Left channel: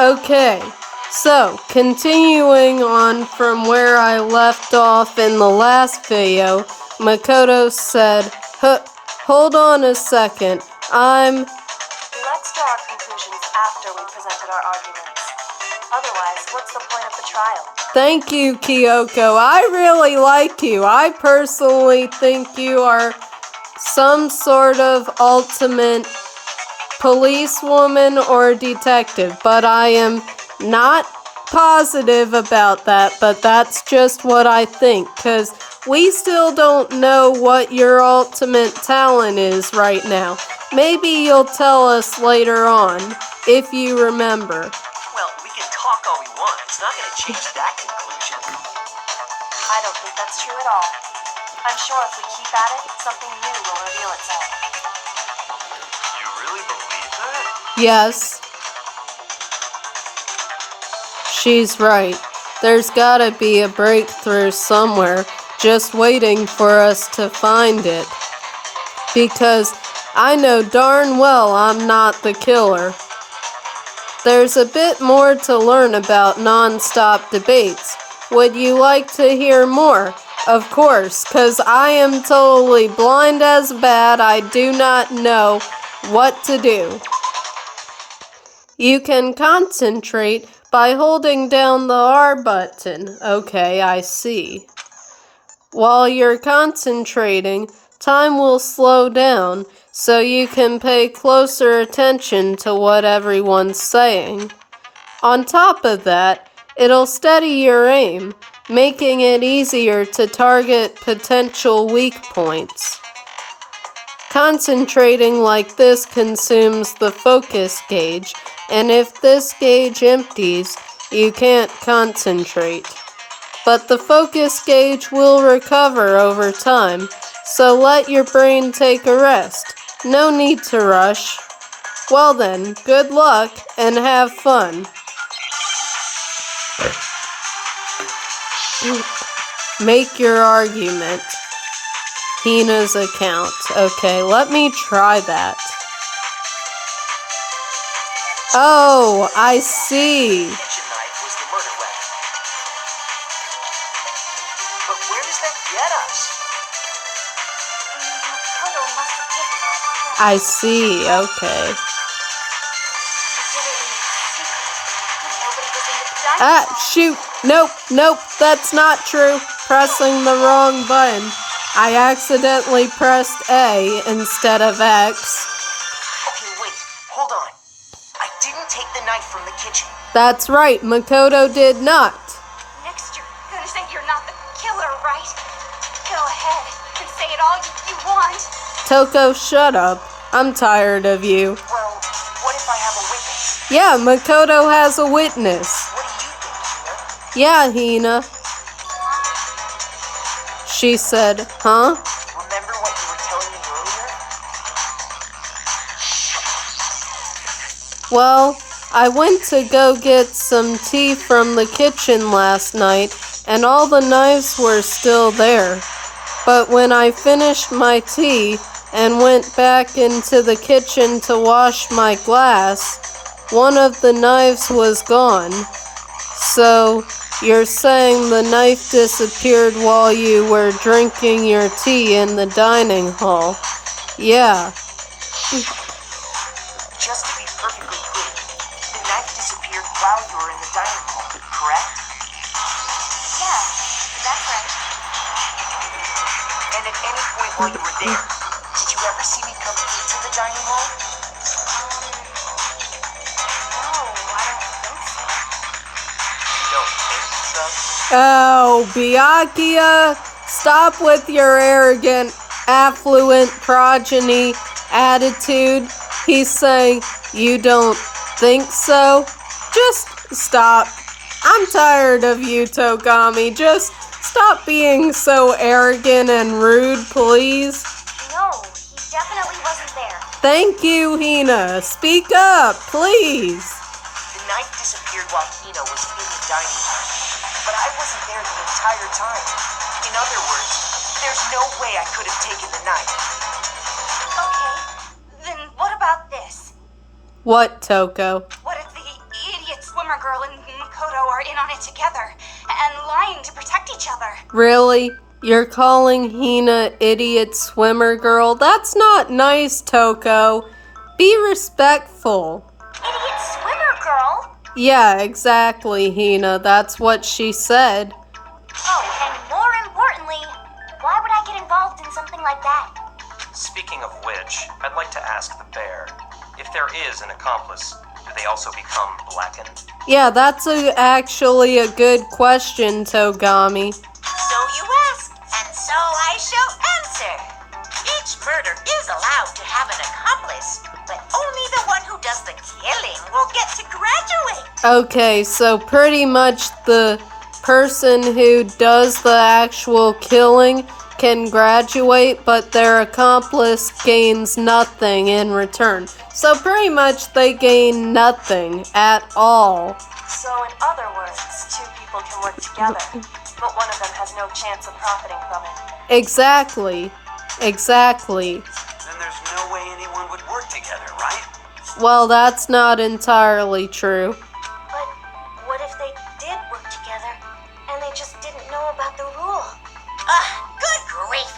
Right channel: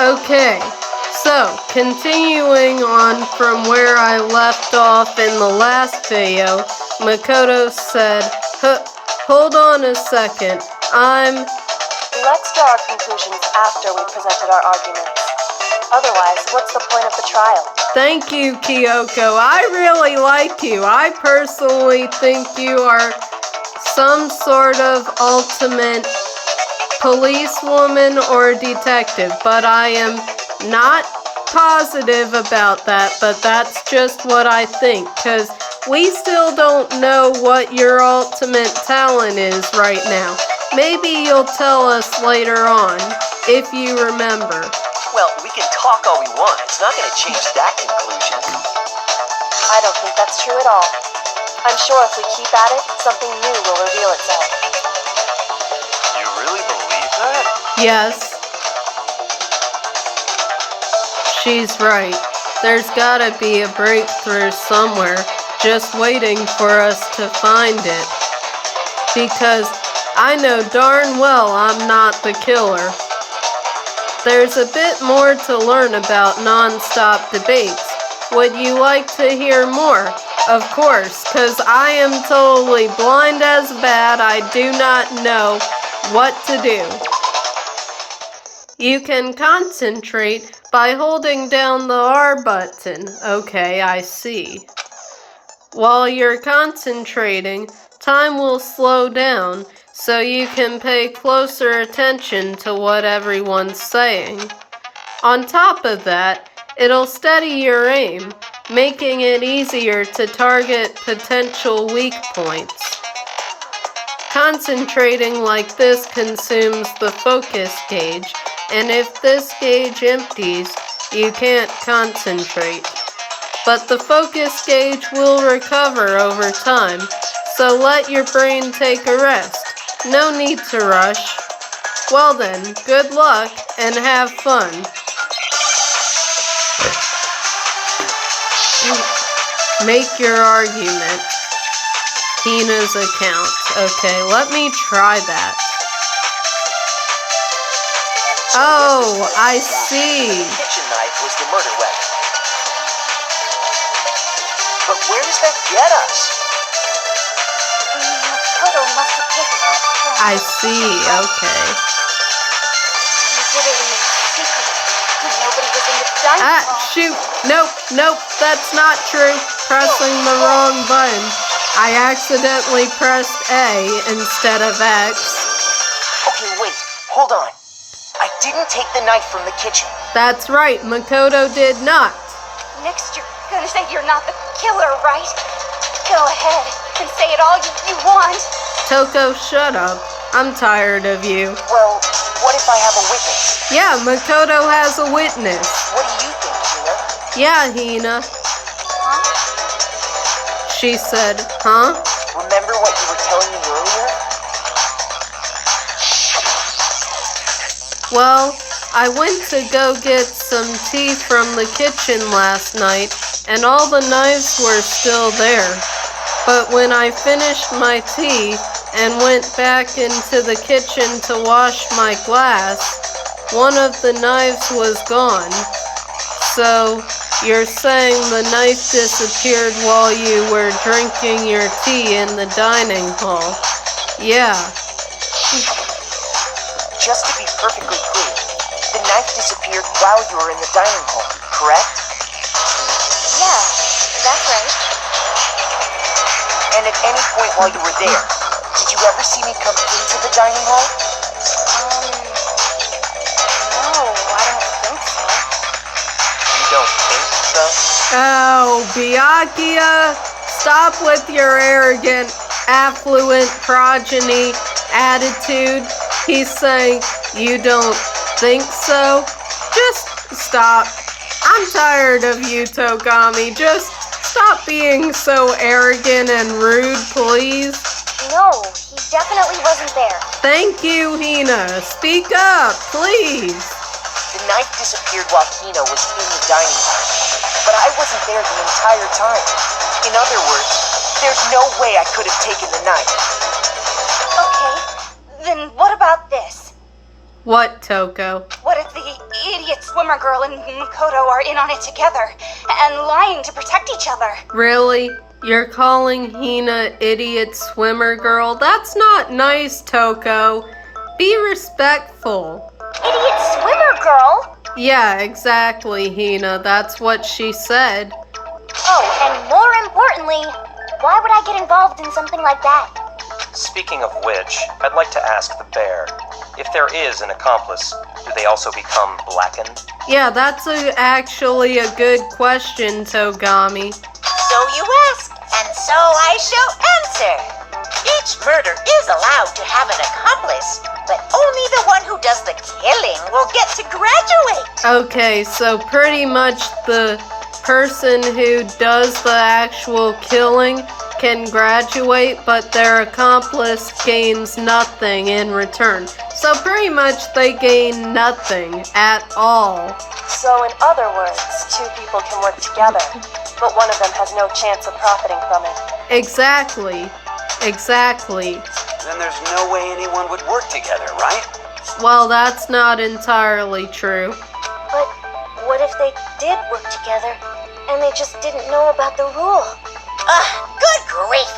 Okay, so continuing on from where I left off in the last video, Makoto said, hold on a second, Let's draw our conclusions after we presented our arguments. Otherwise, what's the point of the trial? Thank you, Kyoko. I really like you. I personally think you are some sort of ultimate policewoman or detective, but I am not positive about that, but that's just what I think, because we still don't know what your ultimate talent is right now. Maybe you'll tell us later on, if you remember. Well, we can talk all we want. It's not going to change that conclusion. I don't think that's true at all. I'm sure if we keep at it, something new will reveal itself. You really believe that? Yes. She's right. There's gotta be a breakthrough somewhere, just waiting for us to find it. Because I know darn well I'm not the killer. There's a bit more to learn about non-stop debates. Would you like to hear more? Of course, because I am totally blind as bat. I do not know what to do. You can concentrate by holding down the R button. Okay, I see. While you're concentrating, time will slow down, so you can pay closer attention to what everyone's saying. On top of that, it'll steady your aim, making it easier to target potential weak points. Concentrating like this consumes the focus gauge, and if this gauge empties, you can't concentrate. But the focus gauge will recover over time, so let your brain take a rest. No need to rush. Well then, good luck and have fun. Make your argument. Hina's account. Okay, let me try that. Oh, I see. The kitchen knife was the murder weapon. But where does that get us? Makoto must have taken it. I see, okay. You did it in secret. Nobody was in the dining hall. Shoot! Nope, that's not true. Pressing the wrong button. I accidentally pressed A instead of X. Okay, wait, hold on. I didn't take the knife from the kitchen. That's right, Makoto did not. Next, you're gonna say you're not the killer, right? Go ahead and say it all you want. Toko, shut up. I'm tired of you. Well, what if I have a witness? Yeah, Makoto has a witness. What do you think, Hina? Yeah, Hina. Huh? She said, huh? Remember what you were telling me earlier? Well, I went to go get some tea from the kitchen last night, and all the knives were still there. But when I finished my tea and went back into the kitchen to wash my glass, one of the knives was gone. So, you're saying the knife disappeared while you were drinking your tea in the dining hall? Yeah. Just to be perfectly clear, the knife disappeared while you were in the dining hall, correct? Yeah, that's right. And at any point while you were there, did you ever see me come into the dining hall? No, I don't think so. You don't think so? Oh, Byakuya, stop with your arrogant, affluent progeny attitude. He's saying, you don't think so? Just stop. I'm tired of you, Togami. Just stop being so arrogant and rude, please. No, he definitely wasn't there. Thank you, Hina. Speak up, please. The knife disappeared while Hina was in the dining hall, but I wasn't there the entire time. In other words, there's no way I could have taken the knife. Okay, then what about this? What, Toko? What if the idiots swimmer girl and Makoto are in on it together and lying to protect each other. Really? You're calling Hina idiot swimmer girl? That's not nice, Toko. Be respectful. Idiot swimmer girl? Yeah, exactly, Hina. That's what she said. Oh, and more importantly, why would I get involved in something like that? Speaking of which, I'd like to ask the bear, if there is an accomplice, do they also become blackened? Yeah, that's actually a good question, Togami. So you ask, and so I shall answer. Each murder is allowed to have an accomplice, but only the one who does the killing will get to graduate. Okay, so pretty much the person who does the actual killing can graduate, but their accomplice gains nothing in return. So pretty much they gain nothing at all. So in other words, two people can work together, but one of them has no chance of profiting from it. Exactly. Exactly. Then there's no way anyone would work together, right? Well, that's not entirely true. But what if they did work together and they just didn't know about the rule? Good grief!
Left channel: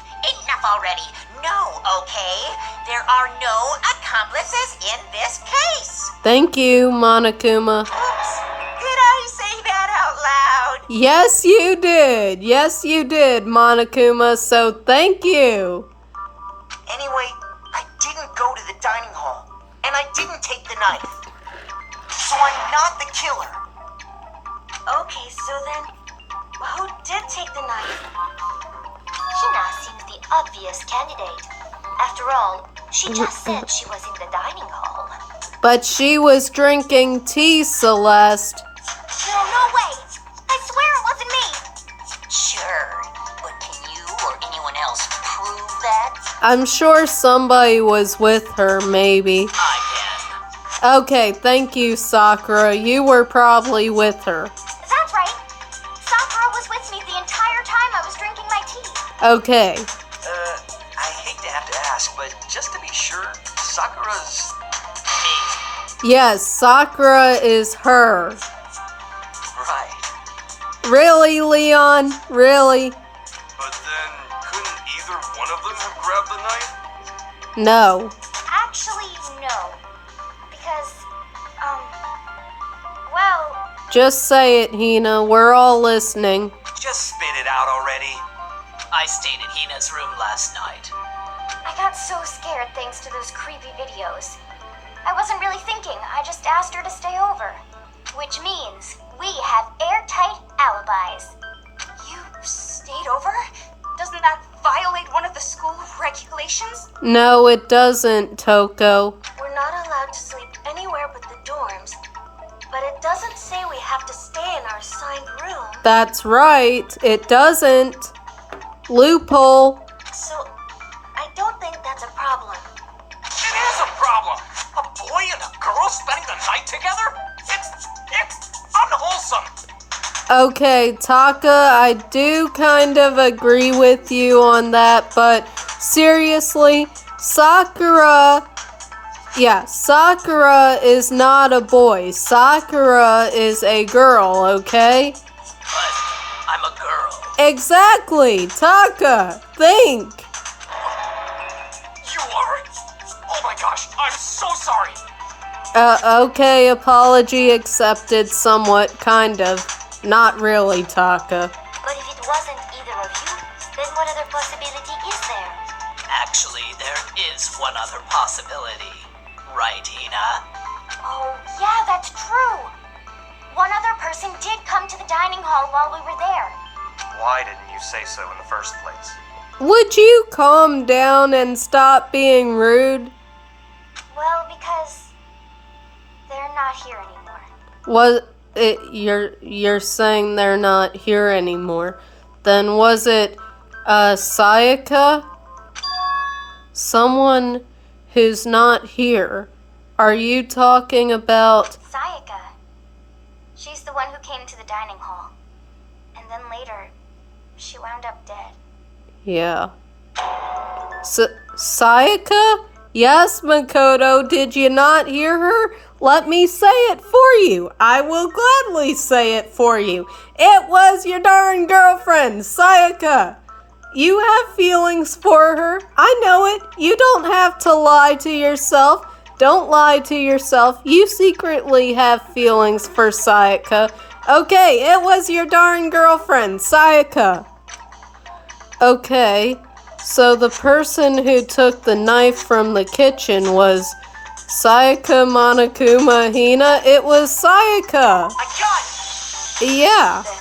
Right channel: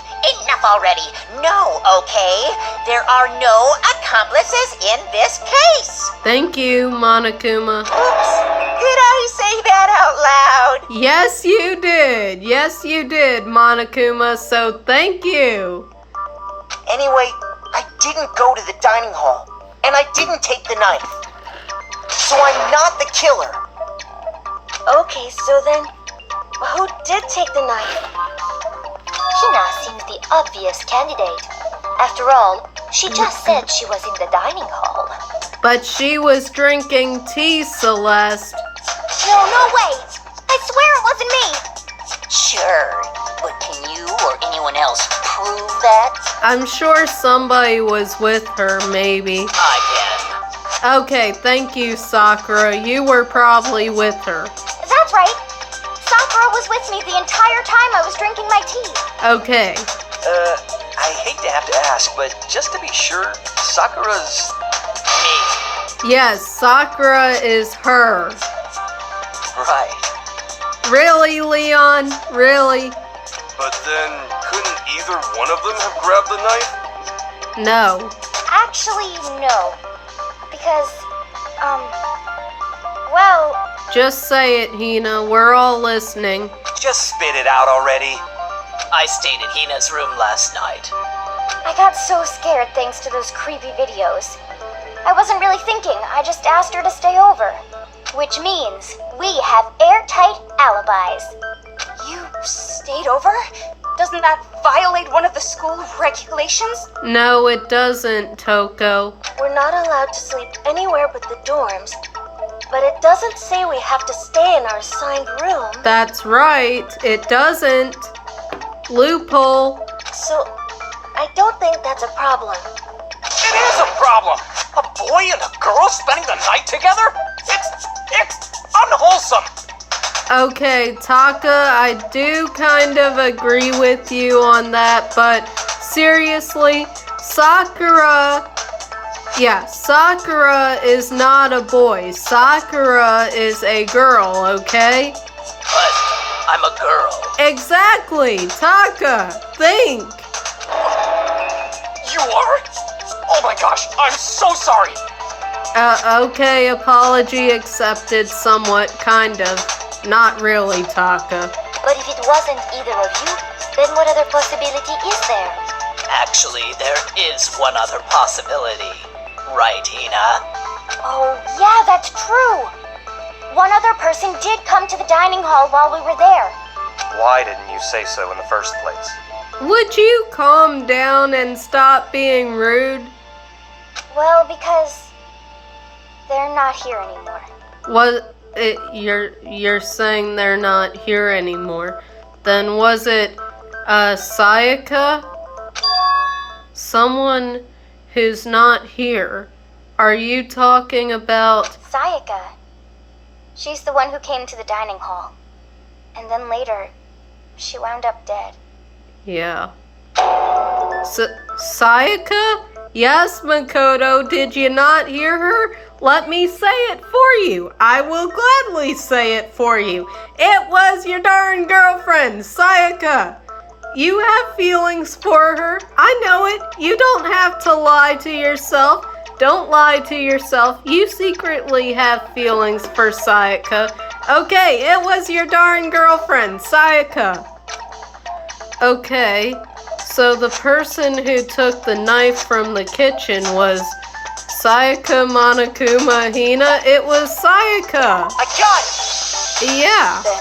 Enough already. No, okay? There are no accomplices in this case. Thank you, Monokuma. Oops. Did I say that out loud? Yes, you did. Yes, you did, Monokuma. So thank you. Anyway, I didn't go to the dining hall, and I didn't take the knife. So I'm not the killer. Okay, so then, who did take the knife? Hina seems the obvious candidate. After all, she just said she was in the dining hall. But she was drinking tea, Celeste. No way! I swear it wasn't me! Sure, but can you or anyone else prove that? I'm sure somebody was with her, maybe. I can. Okay, thank you, Sakura. You were probably with her. That's right. Sakura was with me the entire time I was drinking my tea. Okay. I hate to have to ask, but just to be sure, Sakura's me. Yes, Sakura is her. Right. Really, Leon? Really? But then, couldn't either one of them have grabbed the knife? No. Actually, no. Because, well... Just say it, Hina. We're all listening. Just spit it out already. I stayed in Hina's room last night. I got so scared thanks to those creepy videos. I wasn't really thinking, I just asked her to stay over. Which means we have airtight alibis. You stayed over? Doesn't that violate one of the school regulations? No, it doesn't, Toko. We're not allowed to sleep anywhere but the dorms, but it doesn't say we have to stay in our assigned room. That's right. It doesn't. Loophole. So, I don't think that's a problem. It is a problem. A boy and a girl spending the night together? It's unwholesome. Okay, Taka, I do kind of agree with you on that, but seriously, Sakura is not a boy. Sakura is a girl, okay? But I'm a girl. Exactly, Taka, think. You are? Oh my gosh, I'm so sorry. Okay, apology accepted somewhat, kind of. Not really, Taka. But if it wasn't either of you, then what other possibility is there? Actually, there is one other possibility. Right, Hina? Oh, yeah, that's true. One other person did come to the dining hall while we were there. Why didn't you say so in the first place? Would you calm down and stop being rude? Well, because they're not here anymore. You're saying they're not here anymore. Then was it, Sayaka? Someone who's not here. Are you talking about... Sayaka. She's the one who came to the dining hall. And then later, she wound up dead. Yeah. Sayaka? Yes, Makoto, did you not hear her? Let me say it for you. I will gladly say it for you. It was your darn girlfriend, Sayaka. You have feelings for her. I know it. You don't have to lie to yourself. Don't lie to yourself. You secretly have feelings for Sayaka. Okay, it was your darn girlfriend, Sayaka. Okay, so the person who took the knife from the kitchen was Sayaka Monokuma Hina. It was Sayaka. I got it! Yeah. Then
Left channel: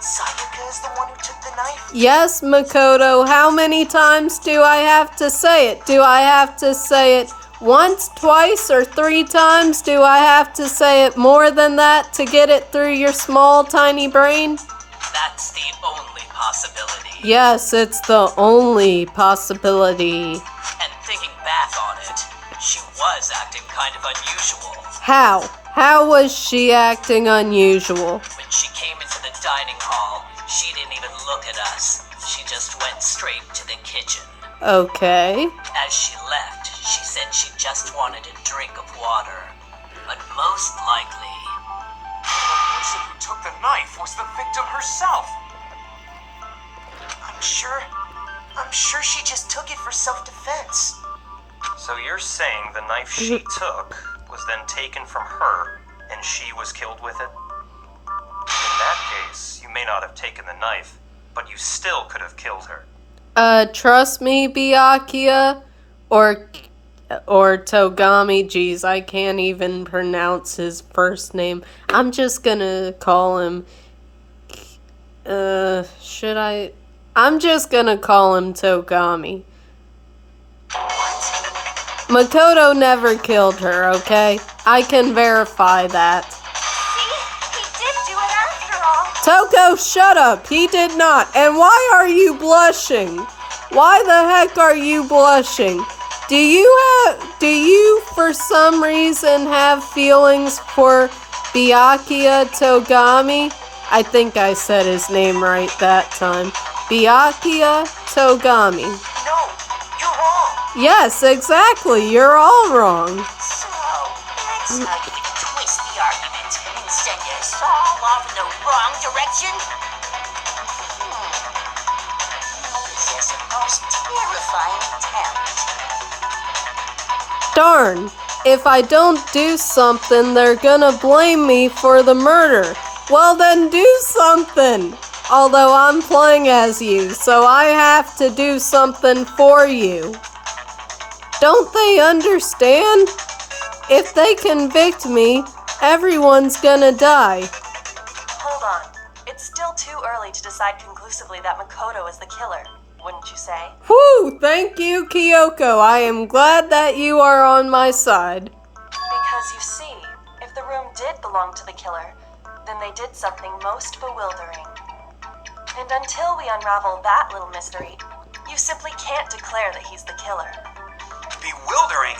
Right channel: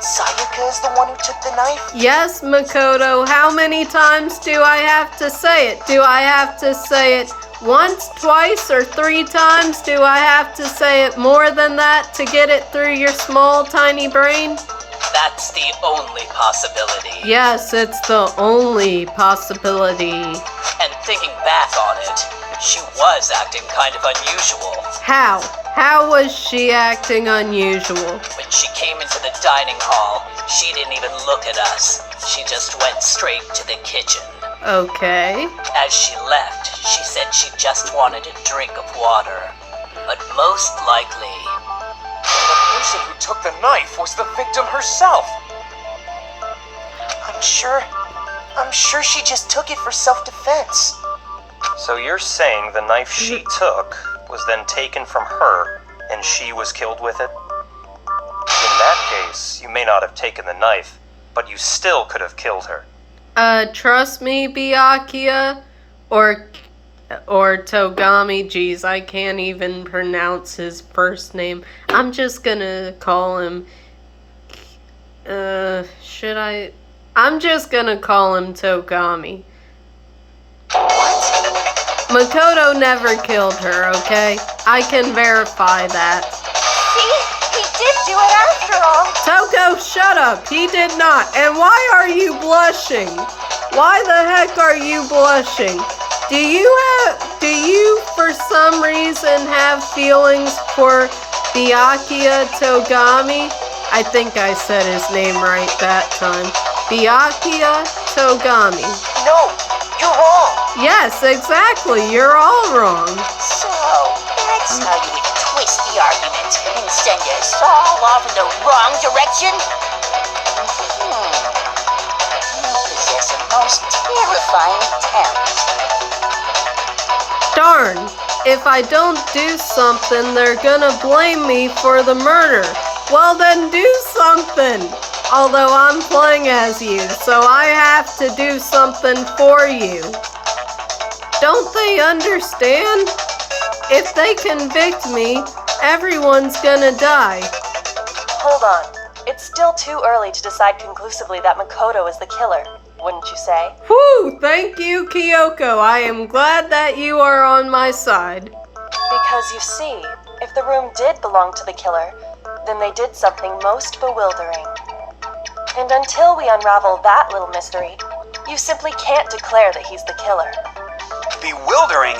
Sayaka is the one who took the knife? Yes, Makoto. How many times do I have to say it? Do I have to say it once, twice, or 3 times? Do I have to say it more than that to get it through your small, tiny brain? That's the only possibility. Yes, it's the only possibility. And thinking back on it, she was acting kind of unusual. How? How was she acting unusual? When she came into the dining hall, she didn't even look at us. She just went straight to the kitchen. Okay. As she left, she said she just wanted a drink of water. But most likely, The person who took the knife was the victim herself. I'm sure she just took it for self-defense. So you're saying the knife she took was then taken from her and she was killed with it? In that case, you may not have taken the knife, but you still could have killed her. Trust me, Byakuya, or Togami. Geez, I can't even pronounce his first name. I'm just gonna call him, I'm just gonna call him Togami. Makoto never killed her, okay? I can verify that. See? He did do it after all. Toko, shut up! He did not. And why are you blushing? Why the heck are you blushing? Do you for some reason have feelings for Byakuya Togami? I think I said his name right that time. Byakuya Togami. No, you're wrong. Yes, exactly. You're all wrong. So, that's how you twist the argument and send us all off in the wrong direction? You possess a most terrifying talent. Darn. If I don't do something, they're gonna blame me for the murder. Well, then do something. Although I'm playing as you, so I have to do something for you. Don't they understand? If they convict me, everyone's gonna die. Hold on. It's still too early to decide conclusively that Makoto is the killer, wouldn't you say? Whew, thank you, Kyoko. I am glad that you are on my side. Because you see, if the room did belong to the killer, then they did something most bewildering. And until we unravel that little mystery, you simply can't declare that he's the killer. Bewildering?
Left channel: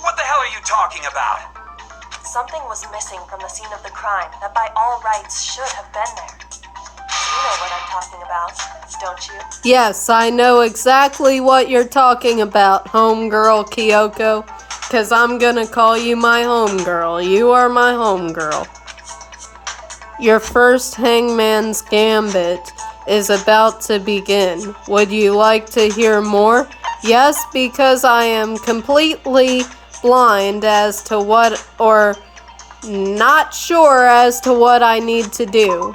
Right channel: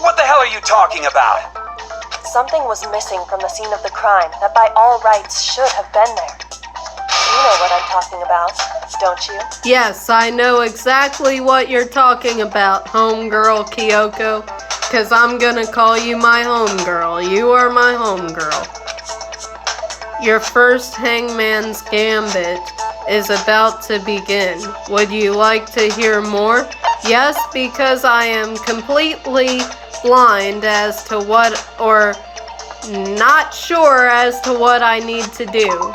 What the hell are you talking about? Something was missing from the scene of the crime that by all rights should have been there. You know what I'm talking about, don't you? Yes, I know exactly what you're talking about, homegirl Kyoko. 'Cause I'm gonna call you my homegirl. You are my homegirl. Your first Hangman's Gambit is about to begin. Would you like to hear more? Yes, because I am completely blind as to what, or not sure as to what I need to do.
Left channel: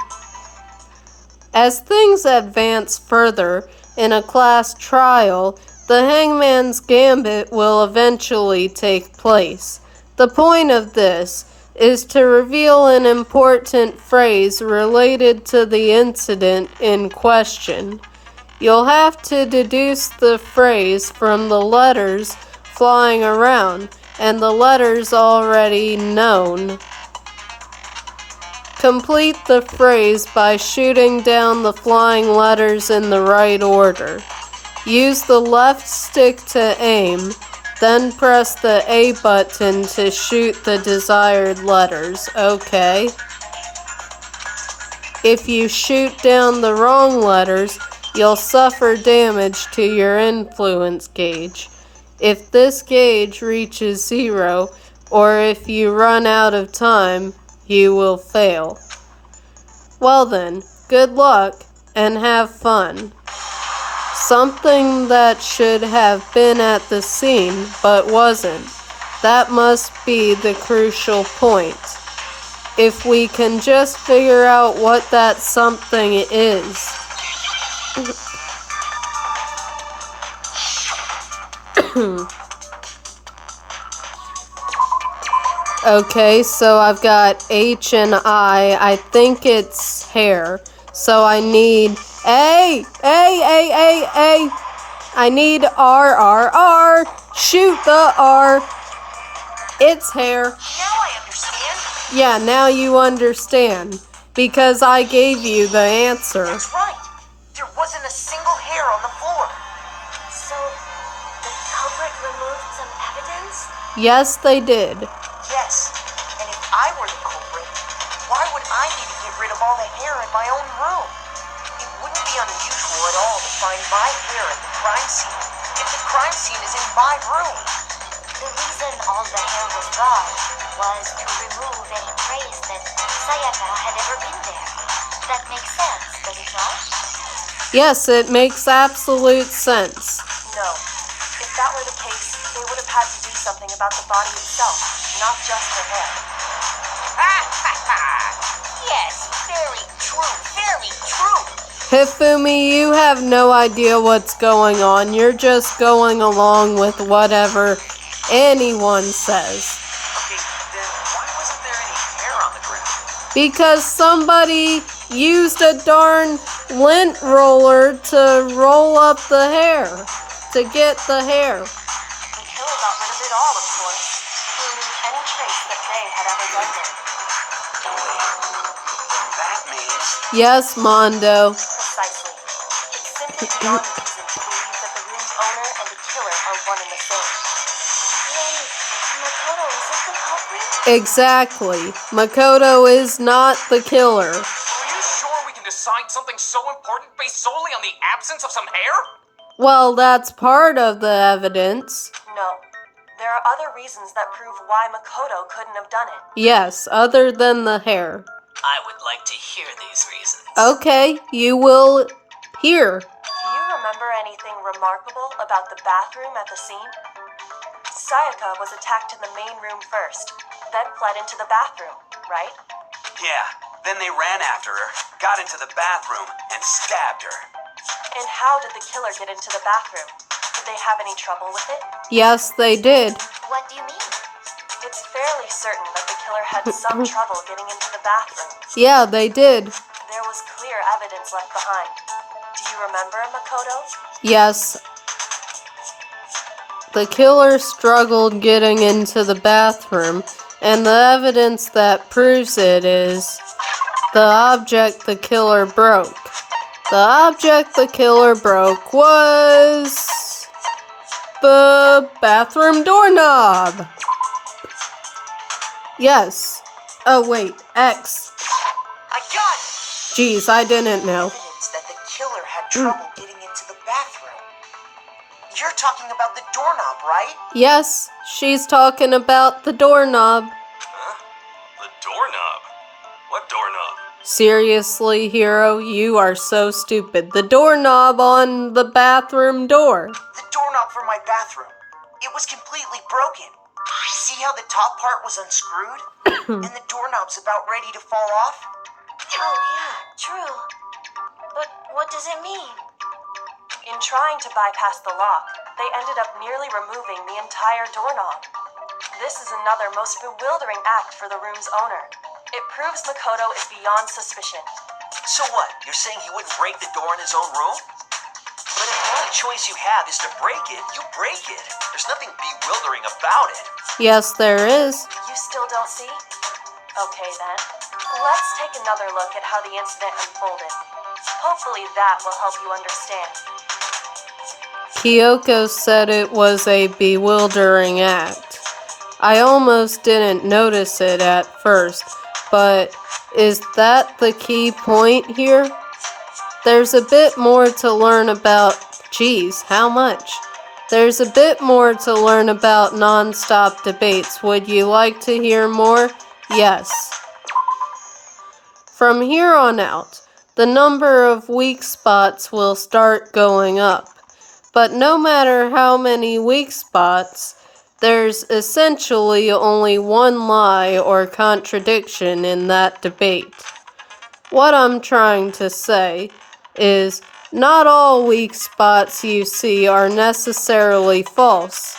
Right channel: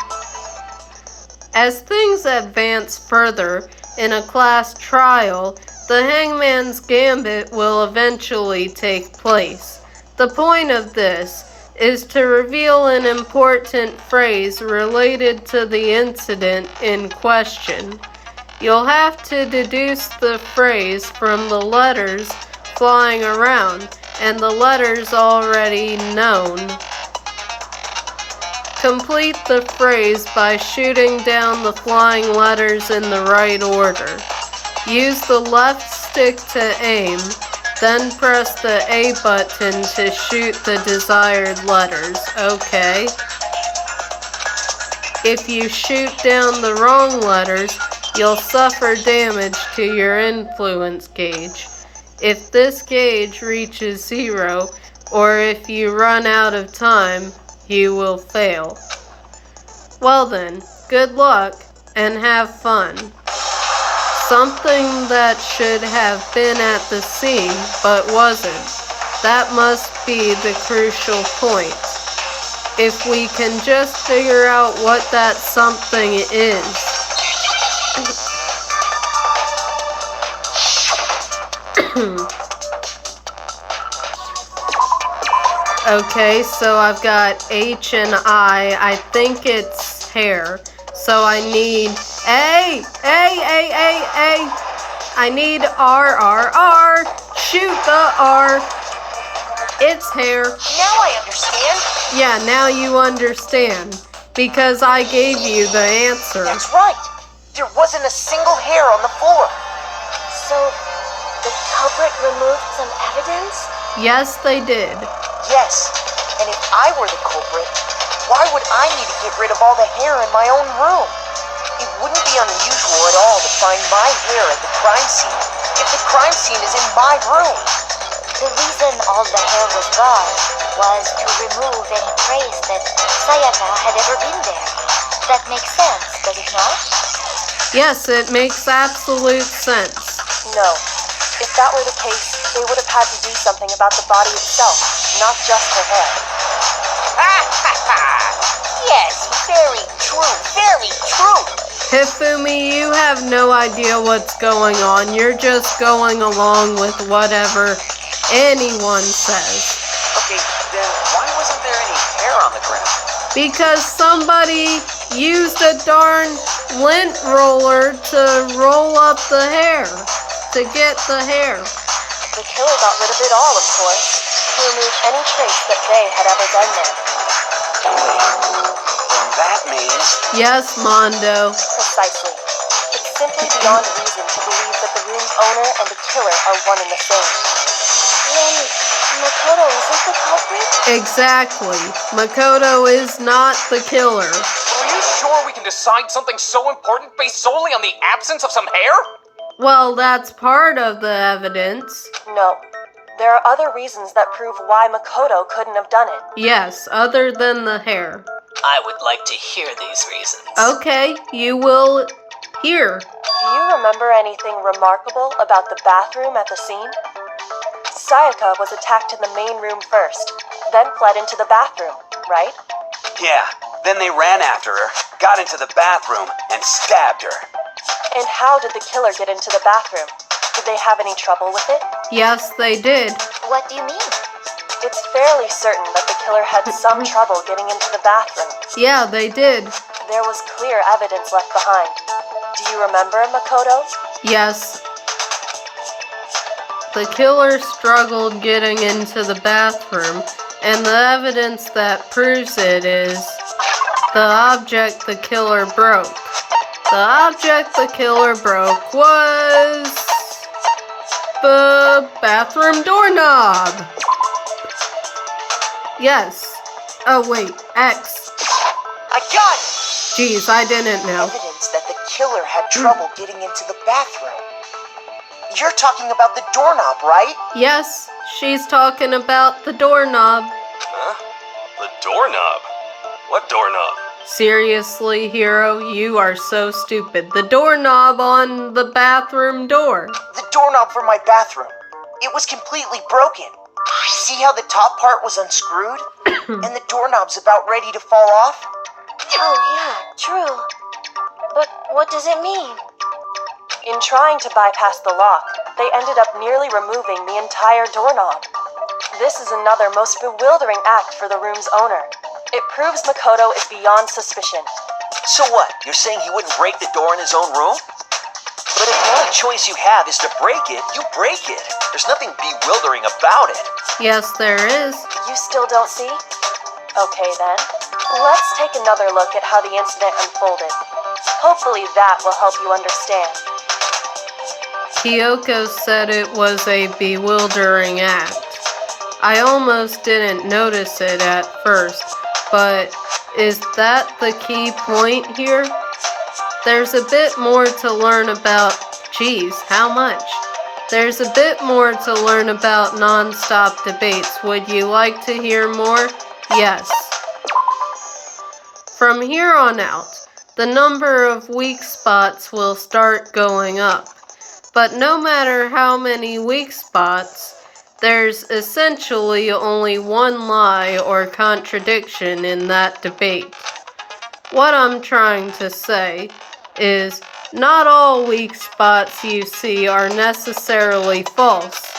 As things advance further in a class trial, the Hangman's Gambit will eventually take place. The point of this is to reveal an important phrase related to the incident in question. You'll have to deduce the phrase from the letters flying around and the letters already known. Complete the phrase by shooting down the flying letters in the right order. Use the left stick to aim, then press the A button to shoot the desired letters. Okay. If you shoot down the wrong letters, you'll suffer damage to your influence gauge. If this gauge reaches 0, or if you run out of time, you will fail. Well then, good luck and have fun. Something that should have been at the scene but wasn't. That must be the crucial point. If we can just figure out what that something is. Okay, so I've got H and I think it's hair. So I need A. I need R. Shoot the R. It's hair. Now I understand. Yeah, now you understand. Because I gave you the answer. That's right. There wasn't a single hair on the floor. So, the culprit removed some evidence? Yes, they did. Yes. And if I were the culprit, why would I need to get rid of all the hair in my own room? It wouldn't be unusual at all to find my hair at the crime scene if the crime scene is in my room. The reason all the hair was gone was to remove any trace that Sayaka had ever been there. That makes sense, does it not? Yes, it makes absolute sense. No. If that were the case, they would have had to do something about the body itself, not just her hair. Yes, very true, very true. Hifumi, you have no idea what's going on. You're just going along with whatever anyone says. Okay, then why wasn't there any hair on the ground? Because somebody used a darn lint roller to roll up the hair. To get the hair. The killer got rid of it all, of course, to remove any trace that they had ever done there. Then that means... Yes, Mondo. Precisely. It's simply beyond reason to believe that the room's owner and the killer are one and the same. Then, Makoto isn't the culprit? Exactly. Makoto is not the killer. Are you sure we can decide something so important based solely on the absence of some hair? Well, that's part of the evidence. No. There are other reasons that prove why Makoto couldn't have done it. Yes, other than the hair. I would like to hear these reasons. Okay, you will hear. Do you remember anything remarkable about the bathroom at the scene? Sayaka was attacked in the main room first, then fled into the bathroom, right? Yeah, then they ran after her, got into the bathroom, and stabbed her. And how did the killer get into the bathroom? Did they have any trouble with it? Yes, they did. What do you mean? It's fairly certain that the killer had some trouble getting into the bathroom. Yeah, they did. There was clear evidence left behind. Do you remember, Makoto? Yes. The killer struggled getting into the bathroom, and the evidence that proves it is the object the killer broke. The object the killer broke was the bathroom doorknob. Yes. Oh wait, X. I got it! Jeez, I didn't know. Evidence that the killer had trouble getting into the bathroom. You're talking about the doorknob, right? Yes, she's talking about the doorknob. Huh? The doorknob? What doorknob? Seriously, Hero, you are so stupid. The doorknob on the bathroom door. The doorknob for my bathroom. It was completely broken. See how the top part was unscrewed? And the doorknob's about ready to fall off? Oh, yeah, true. But what does it mean? In trying to bypass the lock, they ended up nearly removing the entire doorknob. This is another most bewildering act for the room's owner. It proves Makoto is beyond suspicion. So what? You're saying he wouldn't break the door in his own room? But if the only choice you have is to break it, you break it. There's nothing bewildering about it. Yes, there is. You still don't see? Okay then. Let's take another look at how the incident unfolded. Hopefully that will help you understand. Kyoko said it was a bewildering act. I almost didn't notice it at first, but is that the key point here? There's a bit more to learn about, geez, how much? There's a bit more to learn about non-stop debates. Would you like to hear more? Yes. From here on out, the number of weak spots will start going up. But no matter how many weak spots, there's essentially only one lie or contradiction in that debate. What I'm trying to say is, not all weak spots you see are necessarily false.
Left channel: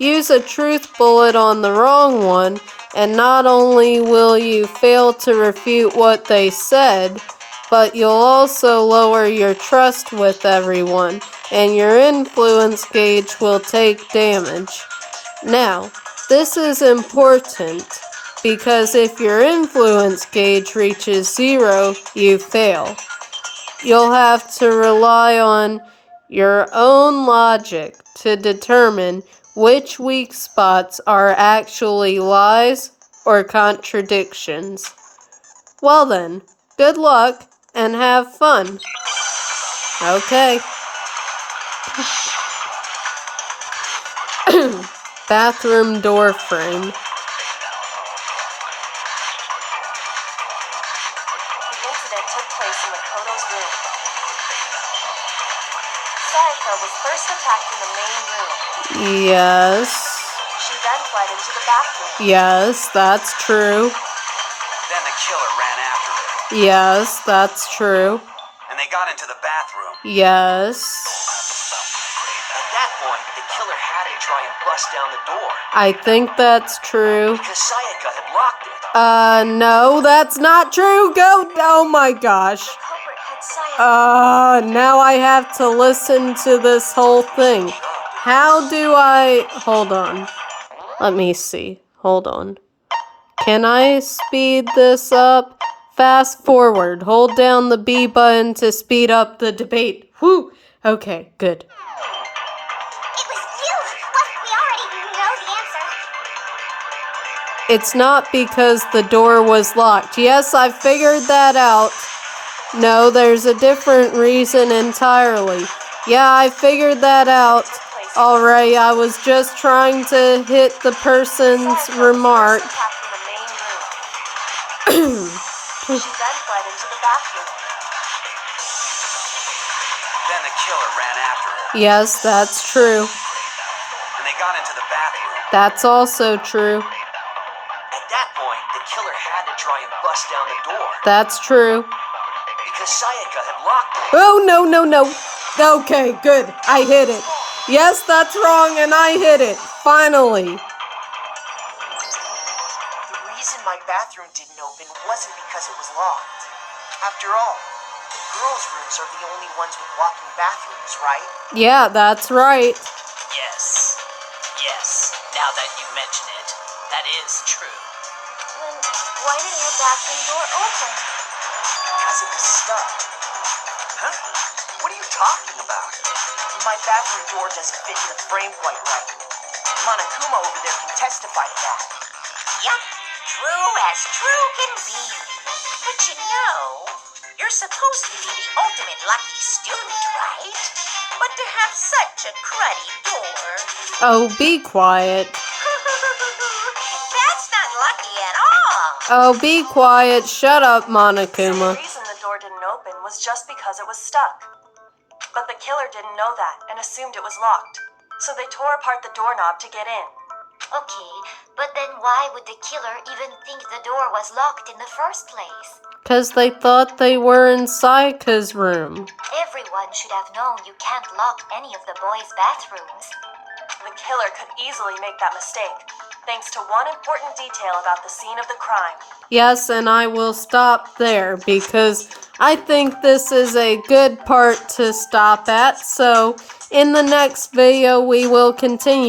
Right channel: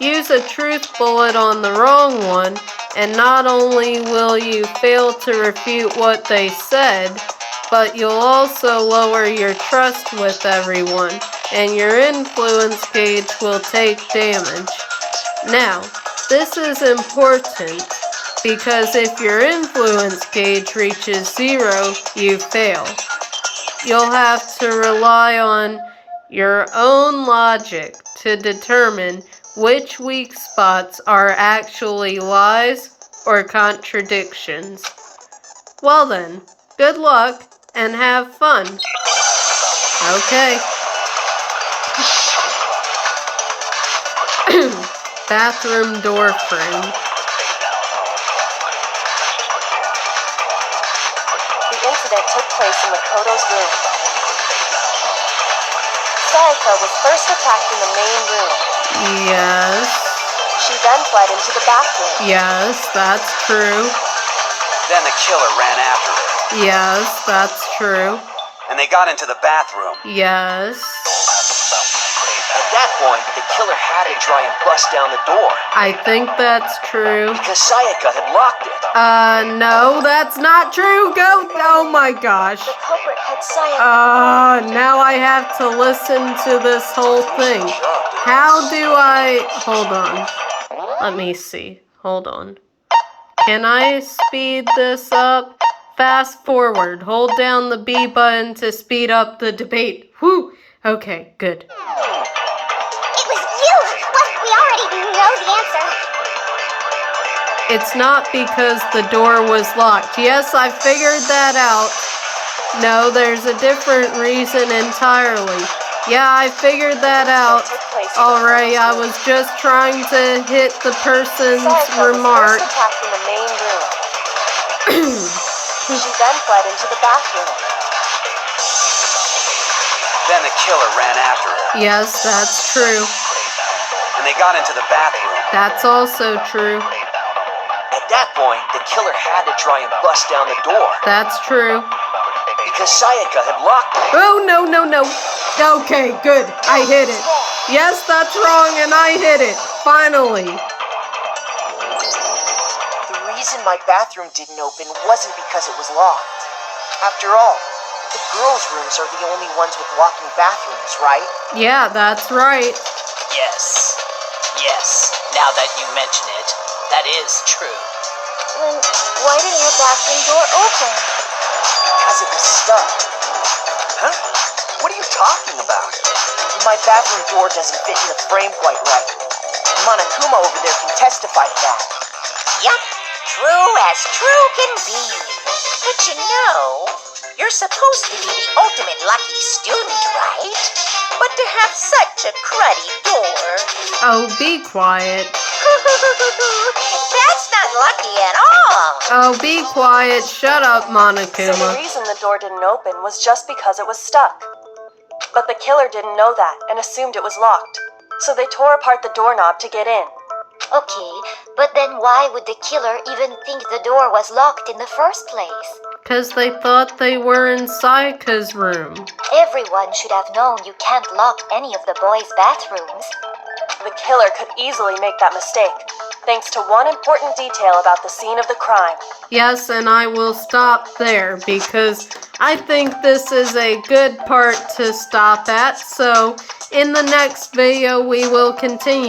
Use a truth bullet on the wrong one, and not only will you fail to refute what they said, but you'll also lower your trust with everyone, and your influence gauge will take damage. Now, this is important, because if your influence gauge reaches 0, you fail. You'll have to rely on your own logic to determine which weak spots are actually lies or contradictions. Well then, good luck and have fun. Okay. Bathroom door frame. The incident took place in Makoto's room. Sayaka was first attacked in the main room. Yes. She then fled into the bathroom. Yes, that's true. Then the killer ran after her, Yes, that's true. and they got into the bathroom. Yes. At that point, the killer had to try and bust down the door, I think that's true. because Sayaka had locked it. No, that's not true. Go. Oh my gosh. The culprit had Sayaka. Now I have to listen to this whole thing. How do I... Hold on. Let me see. Hold on. Can I speed this up? Fast forward. Hold down the B button to speed up the debate. Whew. Okay, good. It was you! Well, we already know the answer. It's not because the door was locked. Yes, I figured that out. No, there's a different reason entirely. Yeah, I figured that out. Alright, I was just trying to hit the person's Sayaka remark. was first attacked in the main room. She then fled into the bathroom. Then the killer ran after her, Yes, that's true. and they got into the bathroom. That's also true. At that point, the killer had to try and bust down the door, That's true. because Sayaka had locked it. Oh, no, no, no. Okay, good. I hit it. Yes, that's wrong, and I hit it. Finally. The reason my bathroom didn't open wasn't because it was locked. After all, the girls' rooms are the only ones with walk-in bathrooms, right? Yeah, that's right. Yes. Yes. Now that you mention it, that is true. Then why didn't her bathroom door open? Because it was stuck. Huh? What are you talking about? My bathroom door doesn't fit in the frame quite right. Monokuma over there can testify to that. Yup, true as true can be. But you know, you're supposed to be the ultimate lucky student, right? But to have such a cruddy door. Oh, be quiet. That's not lucky at all. Oh, be quiet. Shut up, So the Monokuma. reason the door didn't open was just because it was stuck. But the killer didn't know that and assumed it was locked. So they tore apart the doorknob to get in. Okay, but then why would the killer even think the door was locked in the first place? Because they thought they were in Sayaka's room. Everyone should have known you can't lock any of the boys' bathrooms. The killer could easily make that mistake, thanks to one important detail about the scene of the crime. Yes, and I will stop there because I think this is a good part to stop at. So in the next video, we will continue.